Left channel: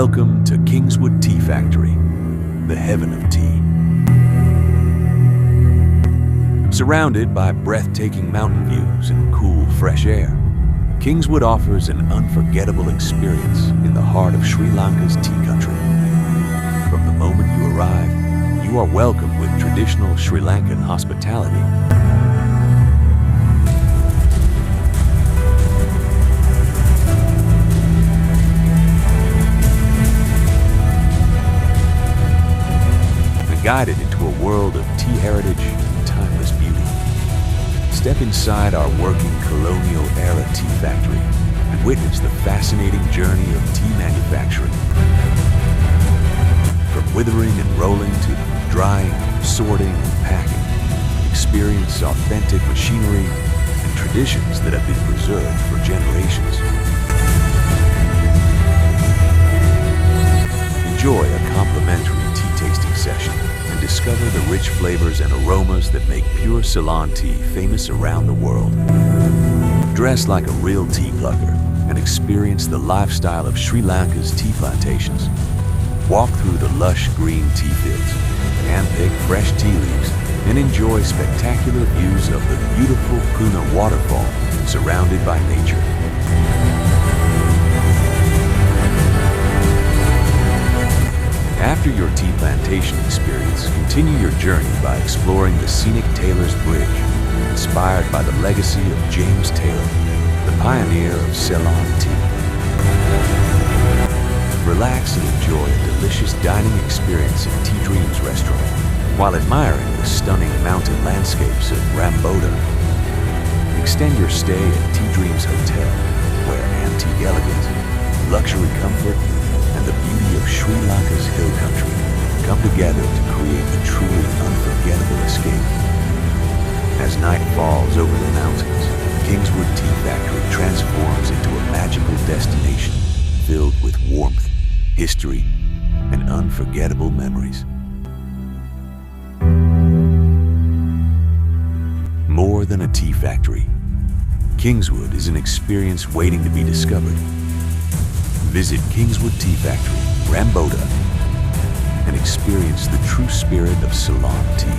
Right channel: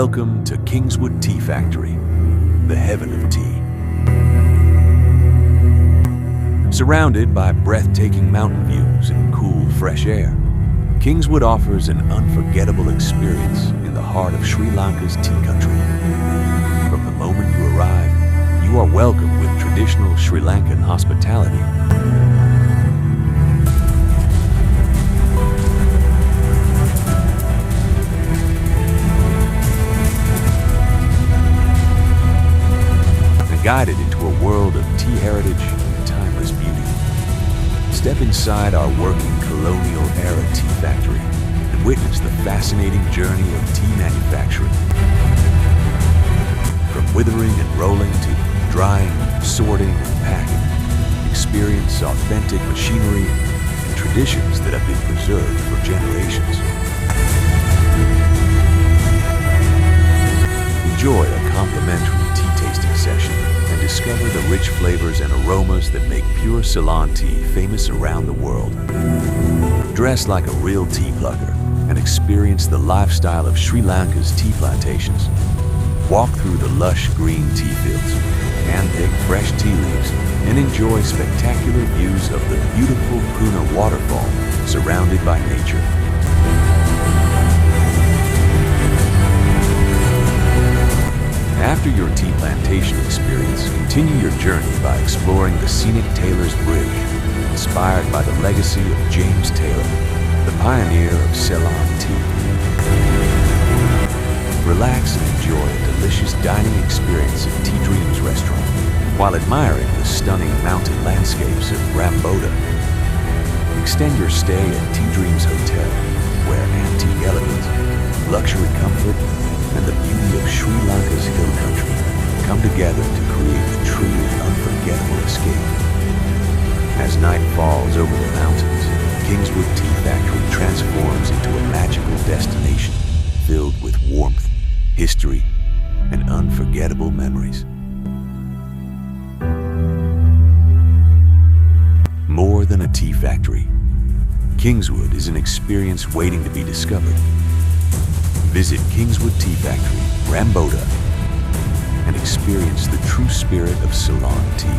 Welcome to Kingswood Tea Factory, the heaven of tea. Surrounded by breathtaking mountain views and cool, fresh air, Kingswood offers an unforgettable experience in the heart of Sri Lanka's tea country. From the moment you arrive, you are welcomed with traditional Sri Lankan hospitality. And guided into a world of tea heritage and timeless beauty. Step inside our working colonial-era tea factory and witness the fascinating journey of tea manufacturing. From withering and rolling to drying, sorting, and packing, experience authentic machinery and traditions that have been preserved for generations. Enjoy a complimentary tea tasting session and discover the rich flavors and aromas that make pure Ceylon tea famous around the world. Dress like a real tea plucker and experience the lifestyle of Sri Lanka's tea plantations. Walk through the lush green tea fields, handpick fresh tea leaves, and enjoy spectacular views of the beautiful Puna waterfall surrounded by nature. After your tea plantation experience, continue your journey by exploring the Scenic Taylor's Bridge, inspired by the legacy of James Taylor, the pioneer of Ceylon tea. Relax and enjoy a delicious dining experience at Tea Dreams restaurant while admiring the stunning mountain landscapes of Ramboda. Extend your stay at Tea Dreams Hotel, where antique elegance, luxury comfort, and the beauty of Sri Lanka's hill country come together to create a truly unforgettable escape. As night falls over the mountains, Kingswood Tea Factory transforms into a magical destination filled with warmth, history, and unforgettable memories. More than a tea factory, Kingswood is an experience waiting to be discovered. Visit Kingswood Tea Factory, Ramboda, and experience the true spirit of Ceylon tea.